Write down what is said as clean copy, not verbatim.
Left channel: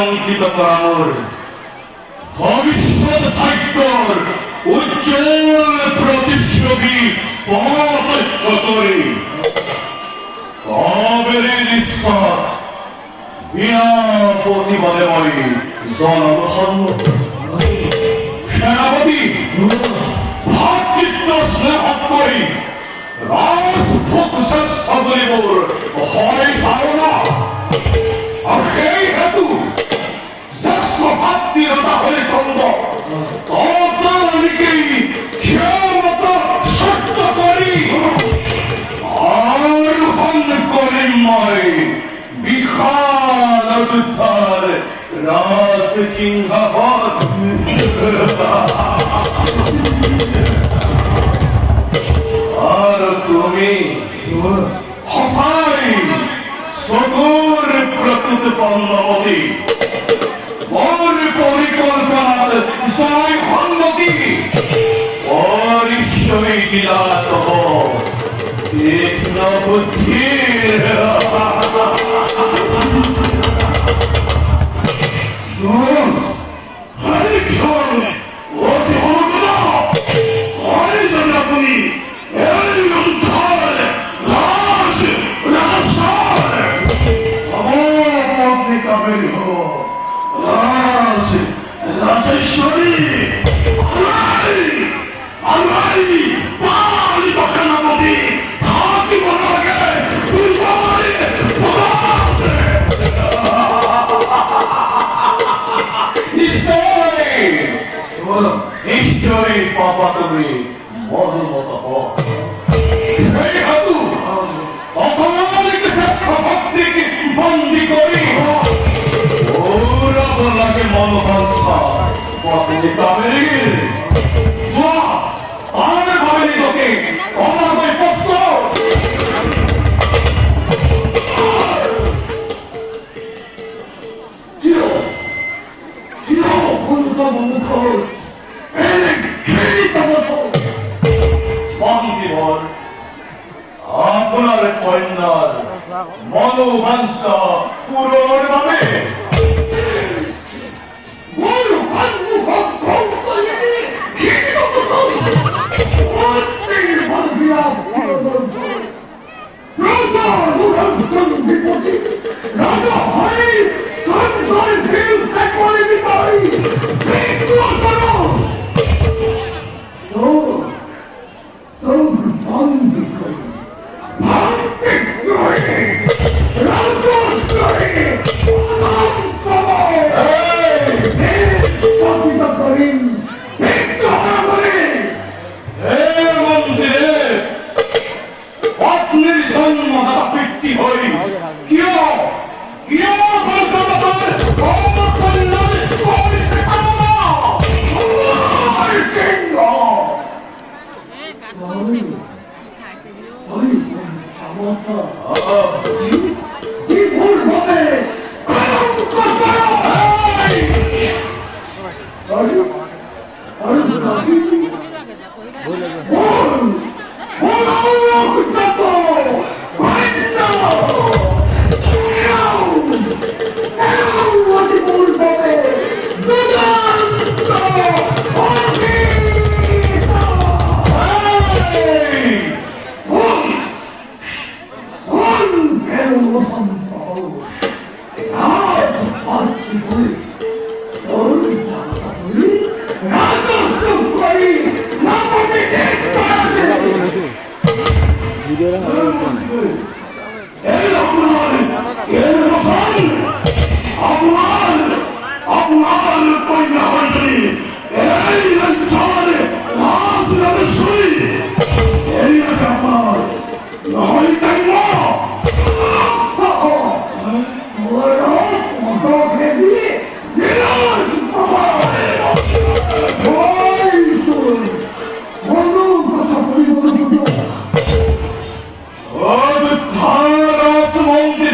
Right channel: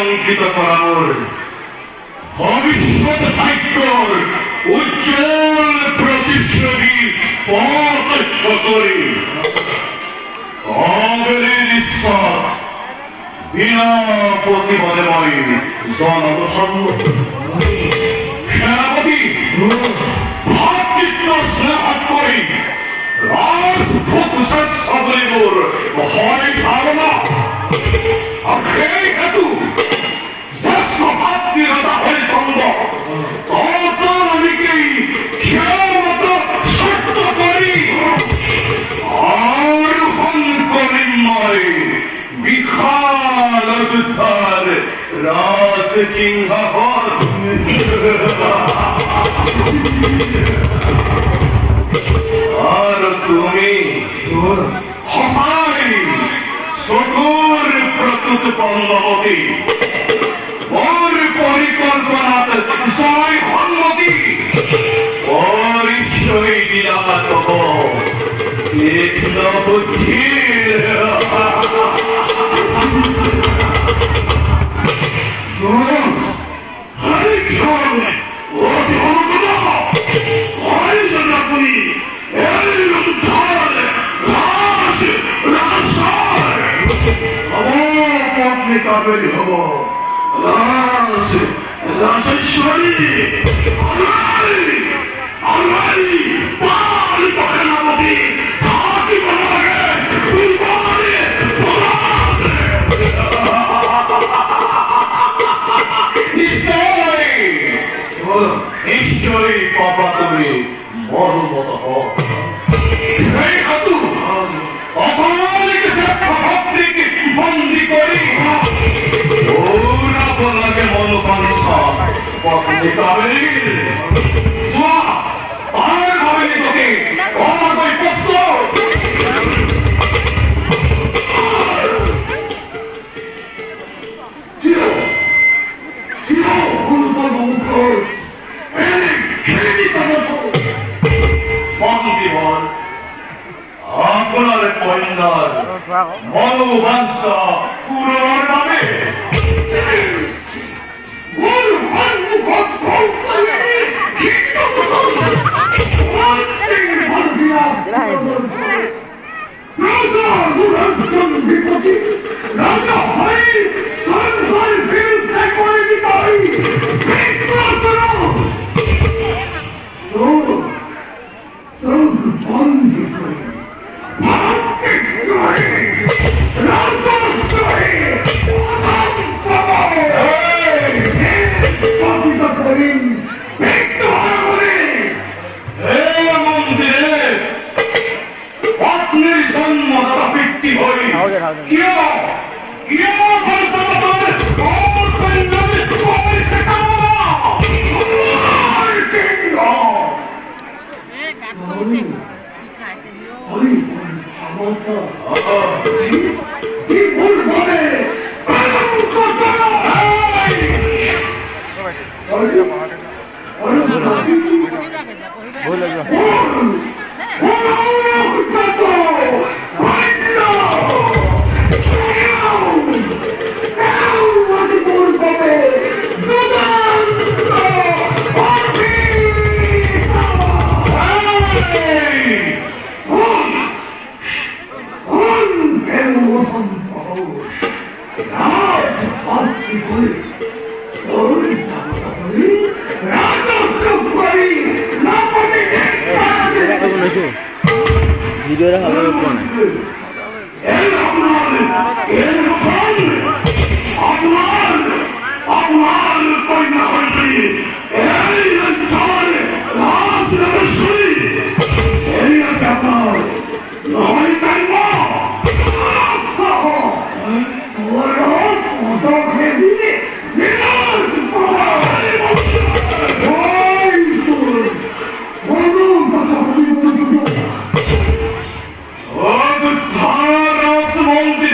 অঙ্কিত করার ভবিষ্যৎ ভাগ্যর উজ্জ্বল প্রতিচ্ছবি প্রত্যক্ষ করি কবের নিঃশ্বাস বিনা প্রতিবাদময় জনসন্ন সেনাপতি ভাতৃত্ব স্নেহ করি রাজভোগ সকলের হয় ধারণা আর সেই হেতু শ্রেষ্ঠ ভাতৃরতা হয়ে সম্ভব ততদিকেই ক্ষমত সত্য করি আর হন করিময় বিশাল যুদ্ধার রাজ সিংহাসন আর তুমি হতাই সকল প্রকৃত পণ্যবতী ওর পরিকল্পনাতে জয় হন্নতি ওর ঈশ্বরী বিলাস কৃষ্ণ বুদ্ধির নিশ্চয়ই পাপা তুমি মর্মত ভক্তিকে বন্দি করি ওরা বলাকে মনোবাঞ্ছা পত্নী কাবেরীর আর ভাবেনি তোকে অনাদয় পত্র আপনার কন্যার মনোবাঞ্ছা পূরণের নামে রাজা হয় সন্ধ্যার বিরুদ্ধে করে দিতাই ভিডিওটা ভালো করে মন্দির